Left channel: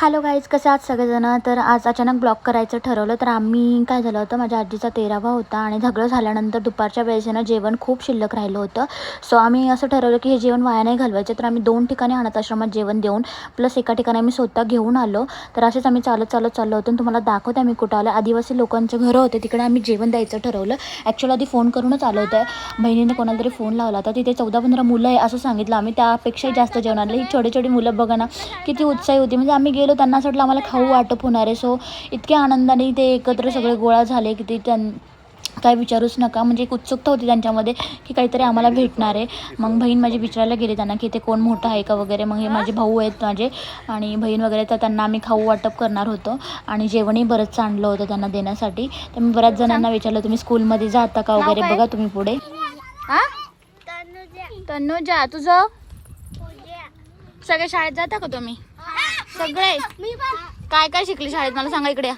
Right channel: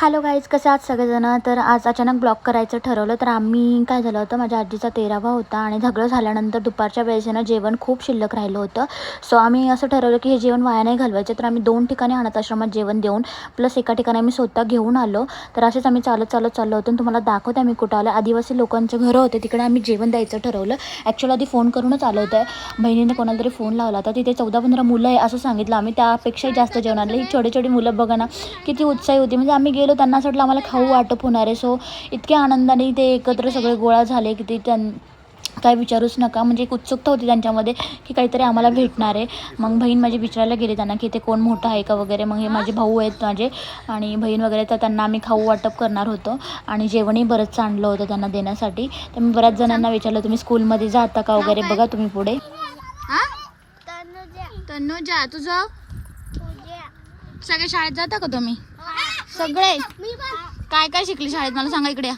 Hello guys कसं आज सगळेजणं? तर आज अचानक ब्लॉक करायचं ठरवलं तर आम्ही काय झालं होतं माझ्या आजीचा तेरावा होता आणि झगडं झाल्यानंतर दुपारच्या वेळेस ना जेवण खूप शिल्लक राहिलं होतं. सो आम्ही असं ठरवलं की हे जेवण वाया नाही घालवायचं तर आम्ही दोन ठिकाणी अनाथाश्रमात जेवण देऊन प्लस एका ठिकाणी आम्ही स्वतः घेऊन आलो. तर असेच आम्ही चालत चालत चाललो होतो आणि तुम्हाला दाखवते आम्ही कुठं आलं. आदिवासी लोकांचे घरं होते तिकडे आम्ही जेवण द्यायचं ठरवलं. ॲक्च्युअली आधी फोन करूनच आलं होतं. बहिणीने कोणाला तरी फोन लावला होता. तिथे चौदा पंधरा मुलं आहे असं सांगितलं आम्ही. त्यापेक्षाही जास्त जेवण आणलं ही छोटी छोटी मुलं बघा ना किती उत्साही होती. म्हणजे आम्ही गेलो त्यांना असं वाटलं आम्हाला खाऊ वाटप होणार आहे. सो इतक्या आनंदाने ते एकत्र सगळे गोळा झाले की ते त्यां काय विचारूच नका. म्हणजे एक उत्सुकता होती त्यांच्यामध्ये की काहीतरी आम्हाला भेटणार आहे. मग बहीण माझी विचारायला गेली त्यांना की ते कोण मोठं आहे का वगैरे. मग हे माझे भाऊ आहेत माझे आणि बहीण वगैरे. तर त्यांना आम्ही खाऊ वाटप करणार होतो आणि जेवणही बरंच आणलं होतं त्यांना देण्यासाठी. तर मी बऱ्याच जणांना विचारलं तुम्ही स्कूलमध्ये जाता का वगैरे? बघा तुम्ही पुढे. हां? तनुजा. तुझं? सगळ्या शाळेत जाता का तुम्ही? सगळे. काय काय शिकले शाळेत? मला सांगा इकडे या.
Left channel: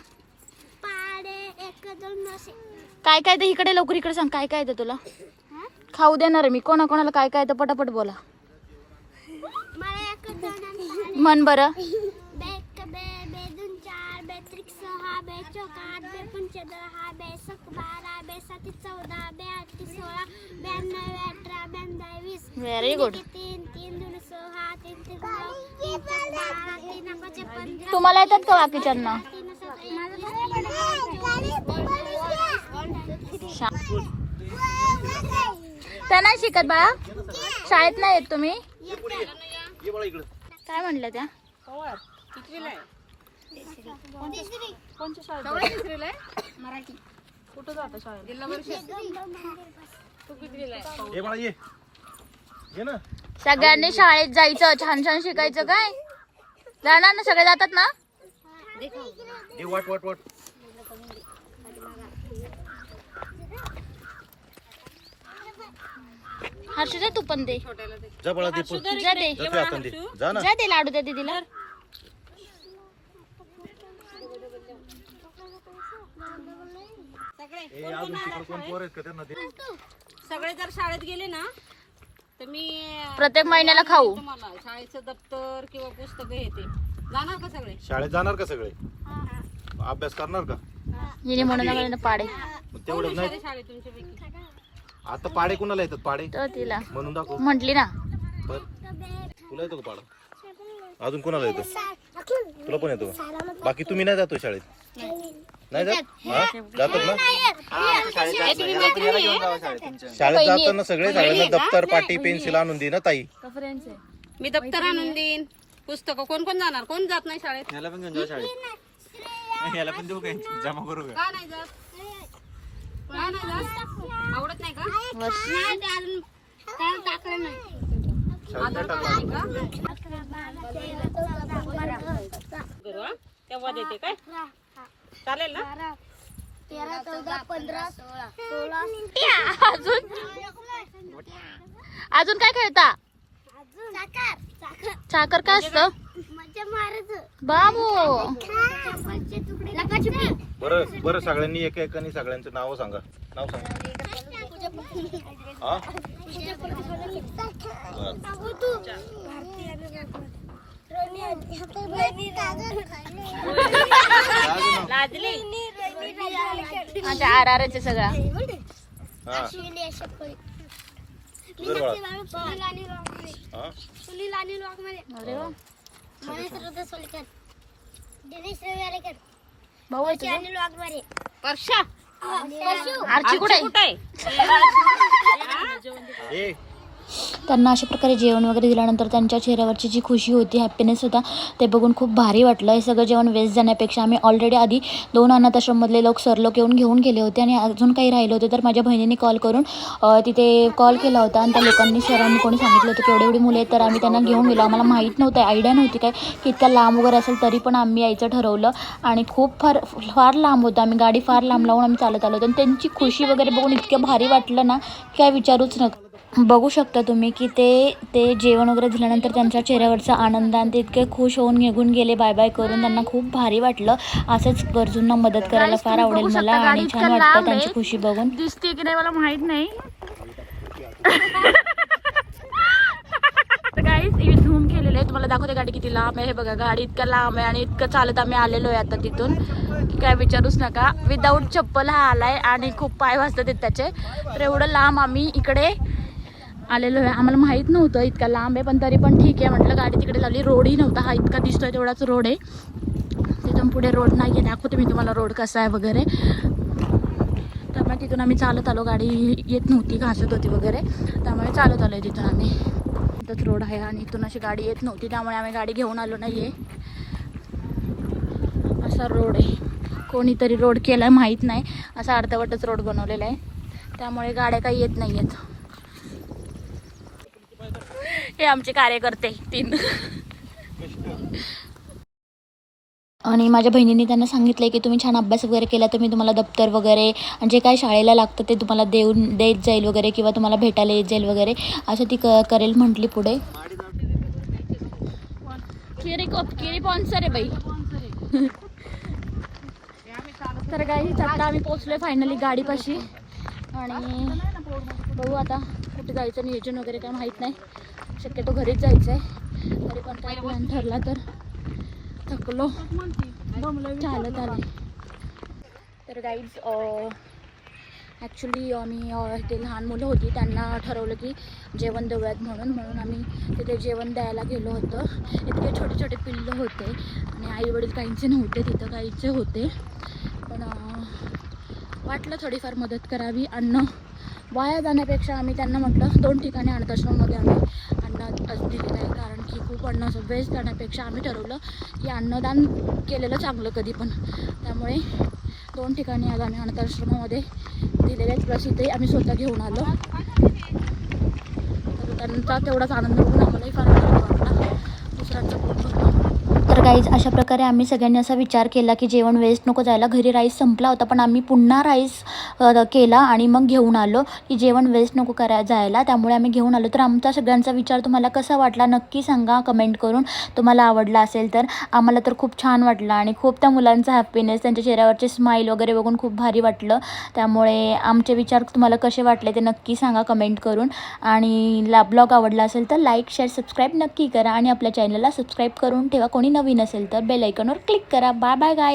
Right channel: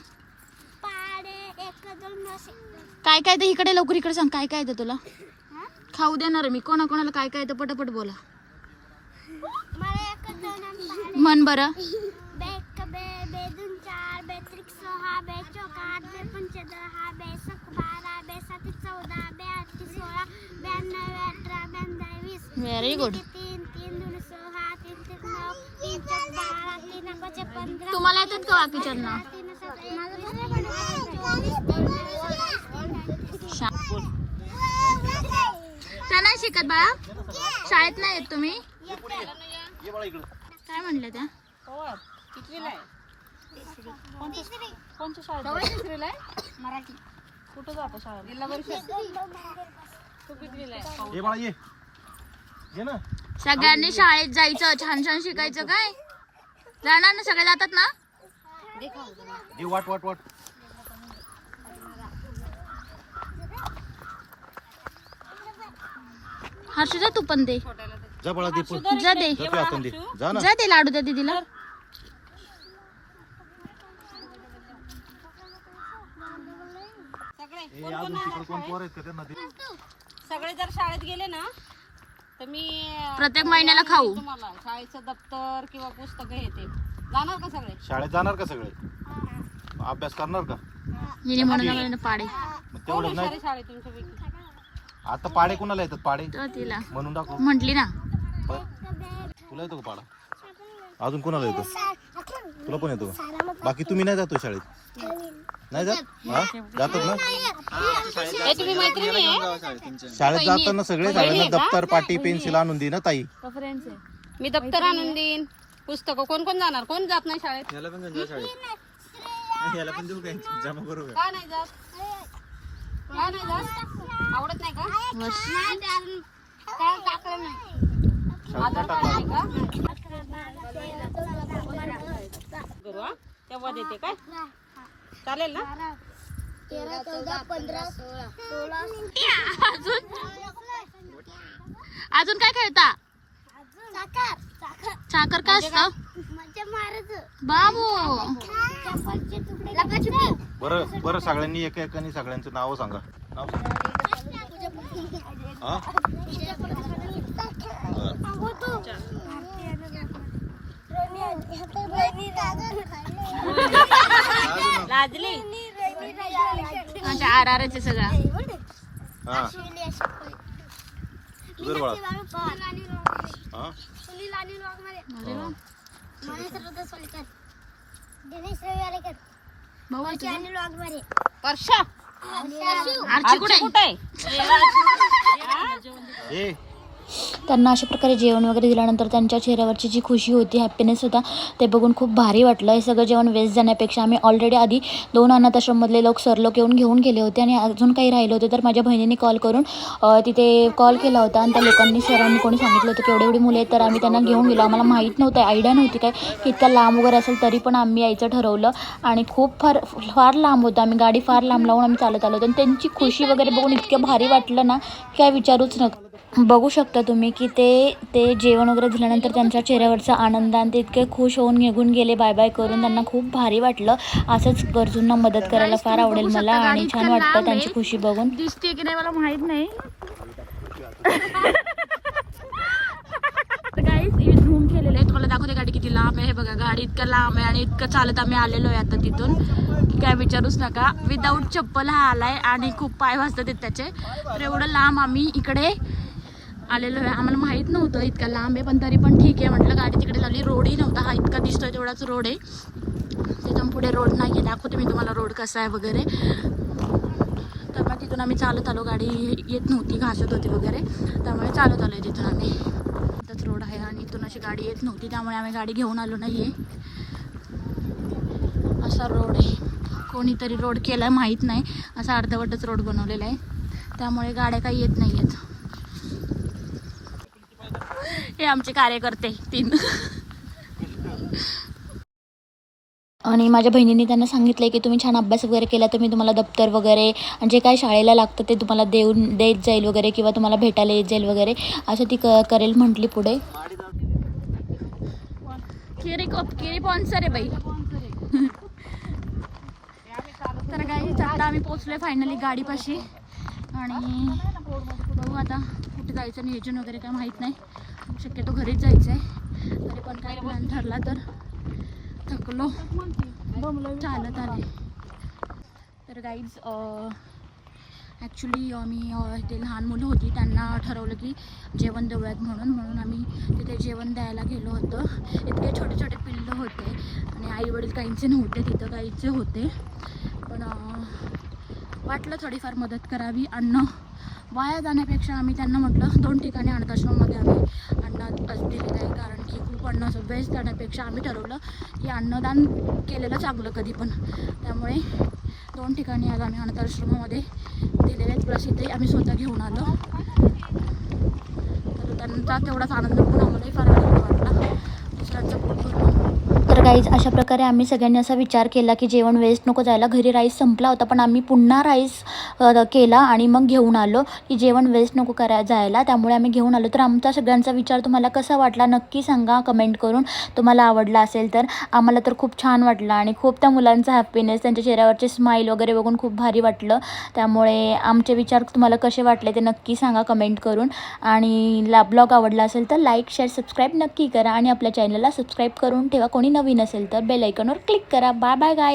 काय काय ते इकडे लवकर इकडे सांग. काय काय ते तुला? खाऊ देणार आहे मी. कोणाकोणाला काय काय येतं पटापट बोला. मन बरं. व्हेरी गुड तीन तुम्हाला येतात का बाकीच्यांना? त्या नाही शिकत बाळा. शाळेत नाही येत तुम्ही? काय म्हणलं त्या? ये बाळा ये. ये ना. सगळ्यांनी शाळेत जायचं छान छान शिकायचं काय? जाणार ना सगळे जातात ना? वाट वाट वाट. हर्षू जा तू पण दे. जा बाळा दे पण. जा दे. जा ते हाताने दे. जा ना. जा दे लाडू द्या दीदीला. ए, अजून तिकडे कोण पोर आहेत का त्यांना दे. सगळे जर शाळेत गेले ना तर मी प्रत्येक महिन्याला खाऊ. तुम्हाला. शाळेचं दप्तर किंवा पुस्तकं हे ते. जाणार का सगळे? शाळेत जाणार का सगळे? अभ्यास करणार का? हिने म्हणून आम्हाला पाडे. मग तेवढं नाही. शाळेत तुमच्यापैकी? आता पाडे कुणाला येतात? पाडे? तर तिला. म्हणून दाखव. म्हटली ना. तुला येतो का पाडा? अजून कोणाला येतो? तुला पण येतो? का बाकी तुम्ही नाही जातो शाळेत? नाही जात? हा? जातात ना? शाळेत जाताना सगळे सगळ्यांना दप्तर पाटी पेन्सिल आणून दे ना ताई. मी दप्तर आणून देईन. पुस्तकं कोण कोण जाणार? कोण जात नाही शाळेत? का? नाही जात? का नाही जात? आवडत नाही का? करू हा तेव्हा देते काय चालेल ना अजून अजून काय खेळता साखर काय असतं बाबू बरं बरं सगळ्यांनी एक एकाने सगळ्यांचं नाव सांगा. नाव सांगा. हा? लाजली? अच्छा आर आर आहे सगळा. हा. बाळा. सुनील आणि वाघमारे हा? सुनील आणि वाघमारे अरे वा. महेश रुद्र सोलकर दिनेश रवी आलेकर भाऊ आहे तुझा? आरची कुठे आहे? कुठे आहे? ए. त्यांना अशा प्रकारे जेवण वगैरे दिल्यानंतर त्यांच्या चेहऱ्यावरची जी खुशी होती हॅपीनेस होता ते बघून खूप भारी वाटलं. हे सगळं जेवण वेस्ट जाण्यापेक्षा आम्ही ऑलरेडी आधी दोन अनाथाश्रममधले लोक सर लोक येऊन घेऊन गेले होते आणि अजून काही राहिले होते. तर माझ्या बहिणीने कॉल करून तिथे कॉल केला होता आणि त्या लोकांनी सरांनी कोणी सांगितलं होतं की एवढी एवढी मुलं आहेत तर आम्ही त्यांना घेऊन गेलो. आम्हाला माहीत नव्हतं आयडिया नव्हती काय की इतक्या लांब वगैरे असेल तरी पण आम्ही यायचं ठरवलं. आणि खूप फार फार लांब होतं. आम्ही गाडी फार लांब लावून आम्ही चालत आलो होतो. आणि त्यांची खुशी वगैरे बघून इतकं भारी वाटलं ना की काय विचारूच नका. बघू शकता तुम्ही की ते ते जेवण वगैरे दिल्यानंतर त्यांच्या चेहऱ्यावरचा आनंद आणि ते इतके खुश होऊन निघून गेले बाय बाय करून त्यांना खूप भारी वाटलं. असंच गरजूंना मदत करायला फार आवडेल मला आणि छान वाटतं त्यांची खुशी बघून. दिसते की नाही मला माहीत नाही. गाईस धूम केलेले आहे तुम्हाला दाखवते गाडी किती लांब आहे. हे बघा गाडी इतकं लांब आहे आणि इतकं चालत आम्ही आलेलो आहे आता तिथून. काय विचारूच नका. विदाऊट चप्पल हा आलाय आणि खूप पाय वाजतात त्याचे. तर एवढं लांब आम्ही इकडे आलेलं आहे आम्हाला माहीत नव्हतं इतका लांब आहे पण तरी पण ठीक आहे. म्हटलं गाडी तिकडे झाली रोडही नव्हता. हा इतका दिसतोय तेवढाच रोड आहे. तिथून पुढे रोड नाही आहे दाखवते मी तुम्हाला रोड कसा आहे वगैरे. त्यामुळे तिथून आम्ही चालत आलो. गाडी येत नव्हती घासत होती वगैरे. त्यामुळे चालत आलो आहे तिथून आम्ही. इथंच रोड आहे आणि इथून अशी गाडी येत नव्हती. त्यामुळे आम्ही गाडी घेऊन आलो नाही आहे असा रोड आहे. कोणीतरी रोड केला माहीत नाही. असा अर्धवटच रोड बनवलेला आहे. त्यामुळे गाड्या काही येत नाही आहेत हे आमचे कार्यकर्ते तीन. आणि माझ्या बहिणीने त्यांना सांगितलं की तुम्ही छान अभ्यास वगैरे केला तर मी तुम्हाला दप्तर वगैरे आणि जे काय शाळेला लागतं ते तुम्हाला देऊन देत जाईल वगैरे किंवा तुम्हाला भेटायला येत जाईल वगैरे असं ती क करेल म्हटली पुढे. आहे बाई. तर गाईच आता आम्ही पोचलोय फायनली गाडीपाशी. आणि बघू आता. कुठे जायचं नियोजन वगैरे काय माहीत नाही. शक्यतो घरीच जायचं आहे तरी पण काय प्लॅन ठरला तर थकलो. चालत आले. तर गाईज ॲक्च्युली आम्ही ते लहान मुलं होती. त्यांना ठरवलं की जेवण देऊयात म्हणून. म्हणून आम्ही तिथे जेवण द्यायला गेलो होतो. इतके छोटे छोटे पिल्लं होते. आणि आईवडील काहींचे नव्हते तिथं काहींचे होते. पण वाटलं थोडीफार मदत करावी. अन्न वाया जाण्यापेक्षा आम्ही त्यांना म्हटलं दोन ठिकाणी अनाथाश्रममध्ये आम्ही अन्न दिलेलं आहे. कारण की खूप अन्न असं वेस्ट जाण्यापेक्षा आम्ही ठरवलं की अन्नदान केलेलं चांगलं कधी पण. त्यामुळे दोन ठिकाणी आज आम्ही अनाथाश्रमामध्ये दिलेले आहेत. प्लस इथे आम्ही स्वतः घेऊन आलो. तर त्यांचा तेवढाच आनंद पण आम्हालाही फार वाटला. दुसऱ्यांचं पोट भरलं तर गाईज अशा प्रकारे आम्ही सगळ्यांनी असा विचार केला की जेवण वेस्ट नको जायला. घरी राईस संपला होता पण आम्ही पुन्हा राईस केला आणि मग घेऊन आलो की जेवण वेस्ट नको करा जायला. त्यामुळे आम्ही घेऊन आलो. तर आमचा सगळ्यांचा विचार तुम्हाला कसा वाटला नक्की सांगा कमेंट करून. तुम्हाला आवडला असेल तर आम्हाला तर खूप छान वाटलं आणि खूप त्या मुलांचा हॅपीनेस त्यांच्या चेहऱ्यावरचे स्माईल वगैरे बघून खूप भारी वाटलं. त्यामुळे आमचे विचार तुम्हाला कसे वाटले ते नक्की सांगा कमेंट करून. आणि ला ब्लॉग आवडला असेल तर लाईक शेअर सबस्क्राईब नक्की करा आणि आपल्या चॅनलला सबस्क्राईब करून ठेवा. कोणी नवीन असेल तर बेल आयकॉनवर क्लिक करा. बाय बाय गाय